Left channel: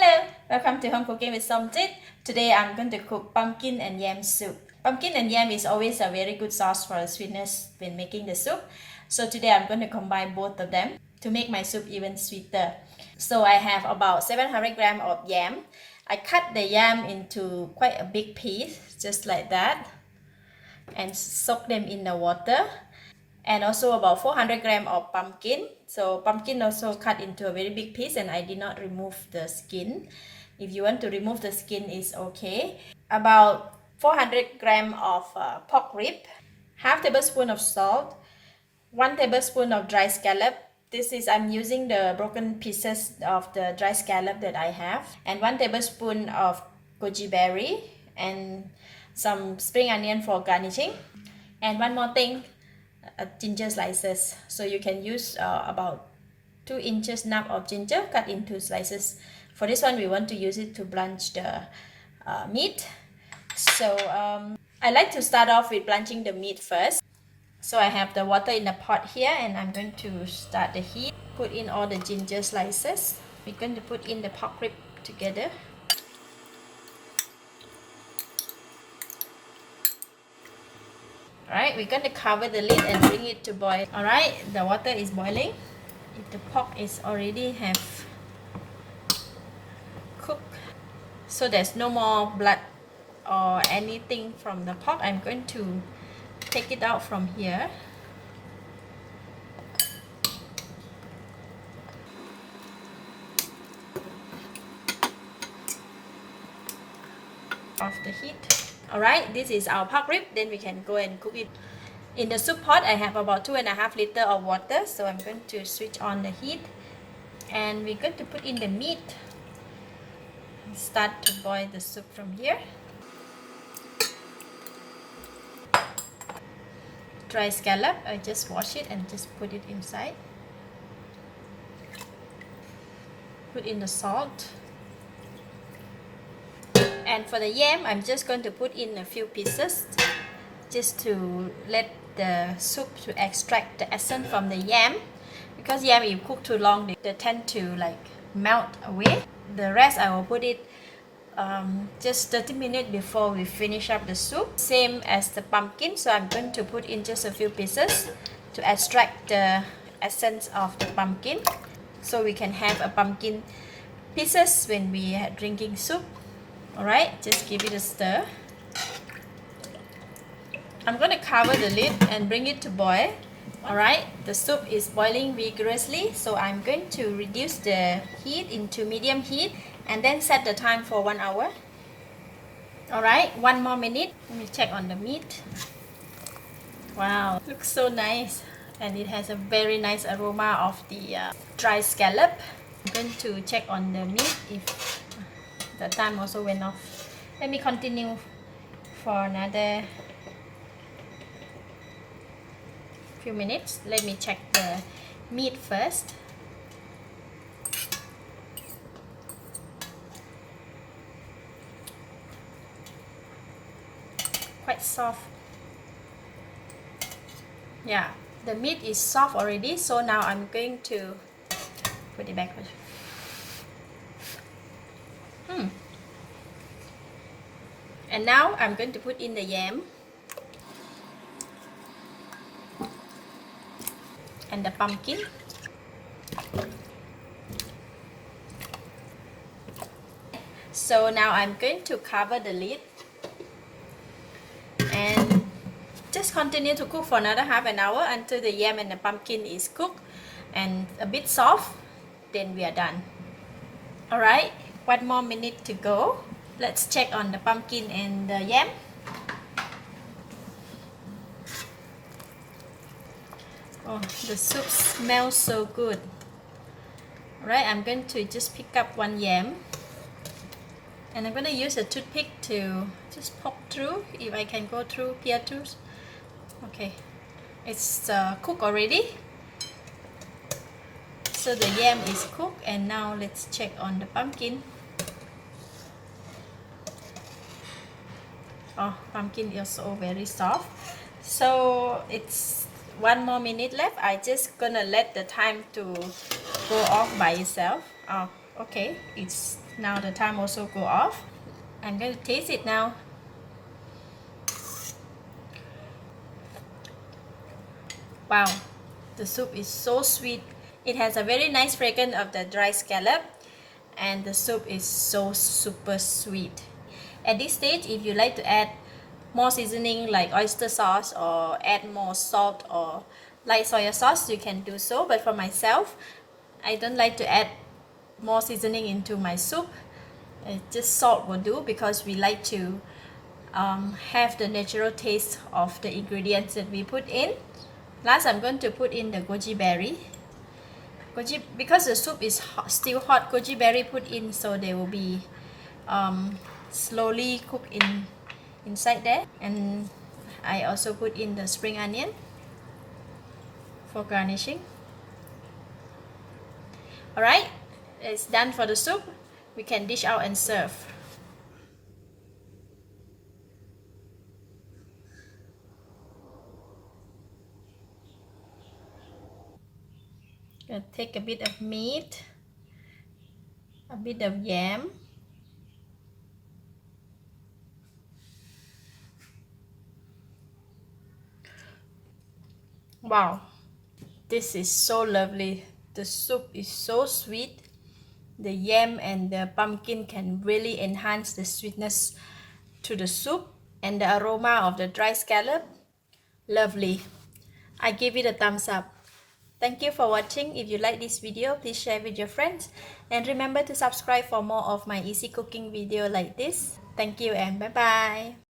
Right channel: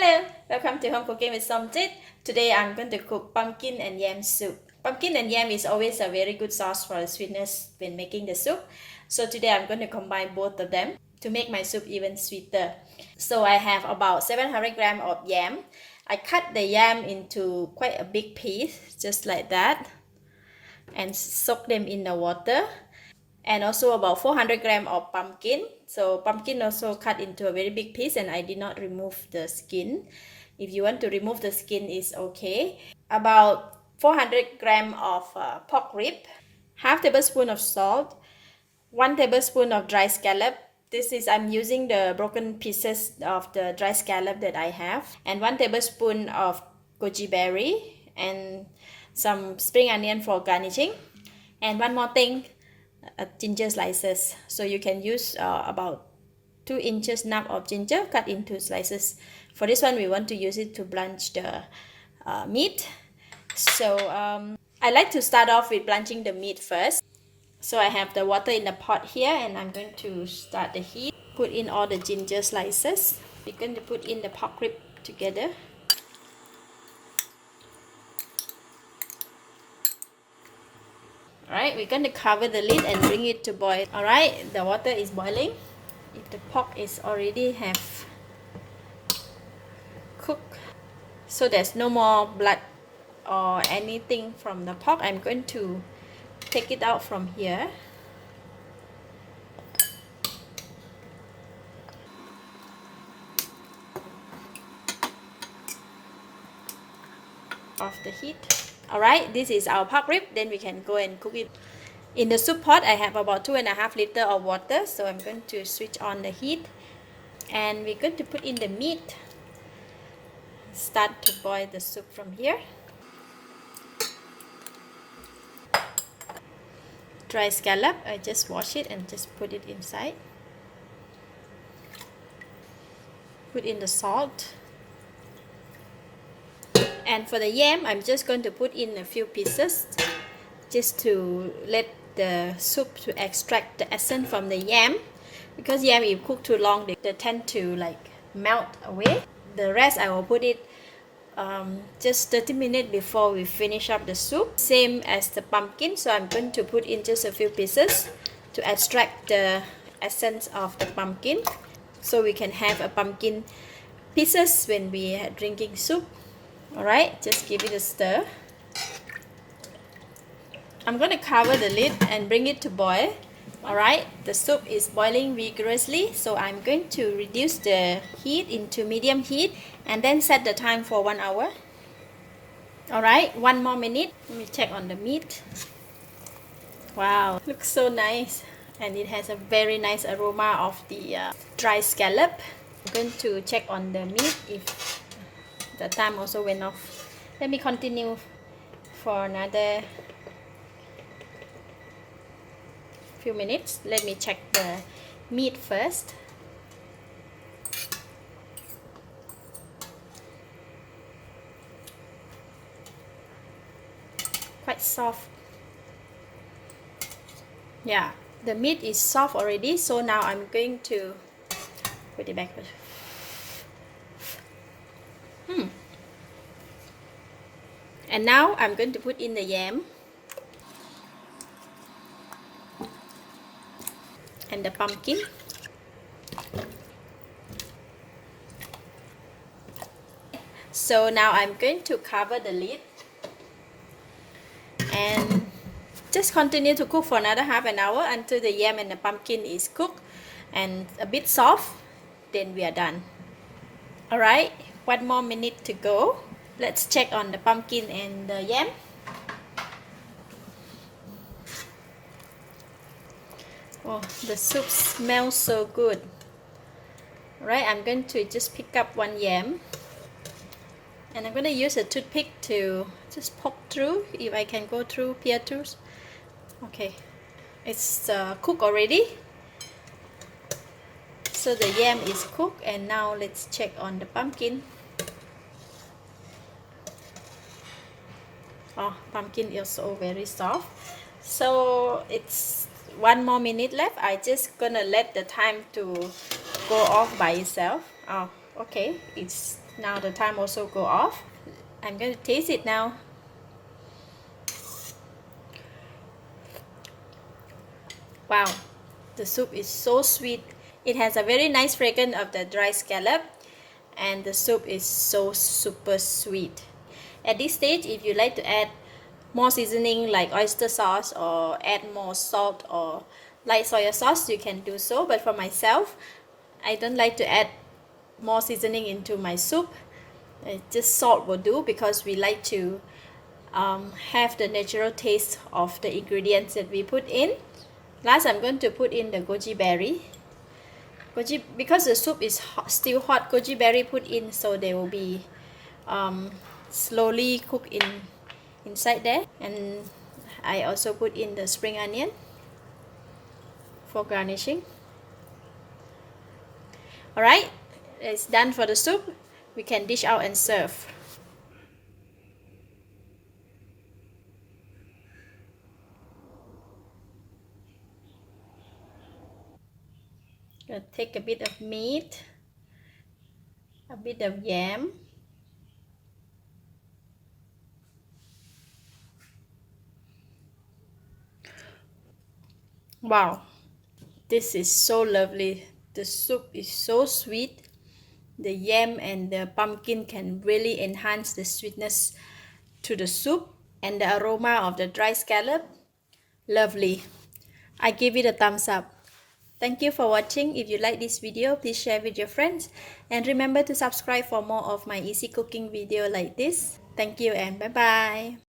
Hello, welcome to Home Cooking with Somjit. Today I'm going to cook pumpkin and yam soup. Pumpkin and yam is always a very good sauce for sweetness when making the soup. So today I'm going to combine both of them to make my soup even sweeter. So I have about 700 grams of yam. I cut the yam into quite a big piece, just like that, and soak them in the water. And also about 400 grams of pumpkin. So pumpkin also cut into a very big piece, and I did not remove the skin. If you want to remove the skin, is okay. About 400 grams of pork rib, half tablespoon of salt, 1 tablespoon of dry scallop. I'm using the broken pieces of the dry scallop that I have, and 1 tablespoon of goji berry, and some spring onion for garnishing. And one more thing, ginger slices. So you can use about 2 inches nub of ginger cut into slices. For this one, we want to use it to blanch the meat. So I like to start off with blanching the meat first. So I have the water in the pot here, and I'm going to start the heat. Put in all the ginger slices. We're going to put in the pork rib together. Alright, we're going to cover the lid and bring it to boil. Alright, the water is boiling. If the pork is already have cooked, so there's no more blood or anything from the pork, I'm going to take it out from here. Off the heat. Alright, this is our pork rib. Then we can go and cook it. In the soup pot, I have about 2.5 liters of water. So I'm going to switch on the heat. And we're going to put in the meat. Start to boil the soup from here. Dry scallop, I just wash it and just put it inside. Put in the salt. And for the yam, I'm just going to put in a few pieces just to let the soup to extract the essence from the yam, because yam, if you cook too long, they tend to like melt away. The rest I will put it just 30 minutes before we finish up the soup. Same as the pumpkin, so I'm going to put in just a few pieces to extract the essence of the pumpkin, so we can have a pumpkin pieces when we are drinking soup. Alright, just give it a stir. I'm going to cover the lid and bring it to boil. Alright, the soup is boiling vigorously, so I'm going to reduce the heat into medium heat and then set the time for 1 hour. Alright, 1 more minute. Let me check on the meat. Wow, looks so nice, and it has a very nice aroma of the dry scallop. I'm going to check on the meat if the time also went off. Let me continue for another few minutes. Let me check the meat first. Quite soft. Yeah, the meat is soft already, so now I'm going to put it back. And now I'm going to put in the yam and the pumpkin. So now I'm going to cover the lid and just continue to cook for another half an hour until the yam and the pumpkin is cooked and a bit soft. Then we are done. Alright, 1 more minute to go. Let's check on the pumpkin and the yam. Oh, the soup smells so good. Alright, I'm going to just pick up 1 yam. And I'm going to use a toothpick to just poke through, if I can go through here too. Okay, it's cooked already. So the yam is cooked, and now let's check on the pumpkin. Oh, pumpkin is also very soft. So it's 1 more minute left. I just gonna let the time to go off by itself. Oh, okay, it's Now the time also go off. I'm going to taste it now. Wow, the soup is so sweet. It has a very nice fragrance of the dry scallop, and the soup is so super sweet. At this stage, if you like to add more seasoning like oyster sauce or add more salt or light soy sauce, you can do so. But for myself, I don't like to add more seasoning into my soup. Just salt will do, because we like to have the natural taste of the ingredients that we put in. Last, I'm going to put in the goji berry. Because the soup is still hot, goji berry put in, so they will be slowly cooked inside there. And I also put in the spring onion for garnishing. Alright, it's done for the soup. We can dish out and serve. Gonna take a bit of meat, a bit of yam, wow, this is so lovely. The soup is so sweet. The yam and the pumpkin can really enhance the sweetness to the soup, and the aroma of the dry scallop, lovely. I give it a thumbs up. Thank you for watching. If you like this video, please share with your friends, and remember to subscribe for more of my easy cooking video like this. Thank you and bye bye.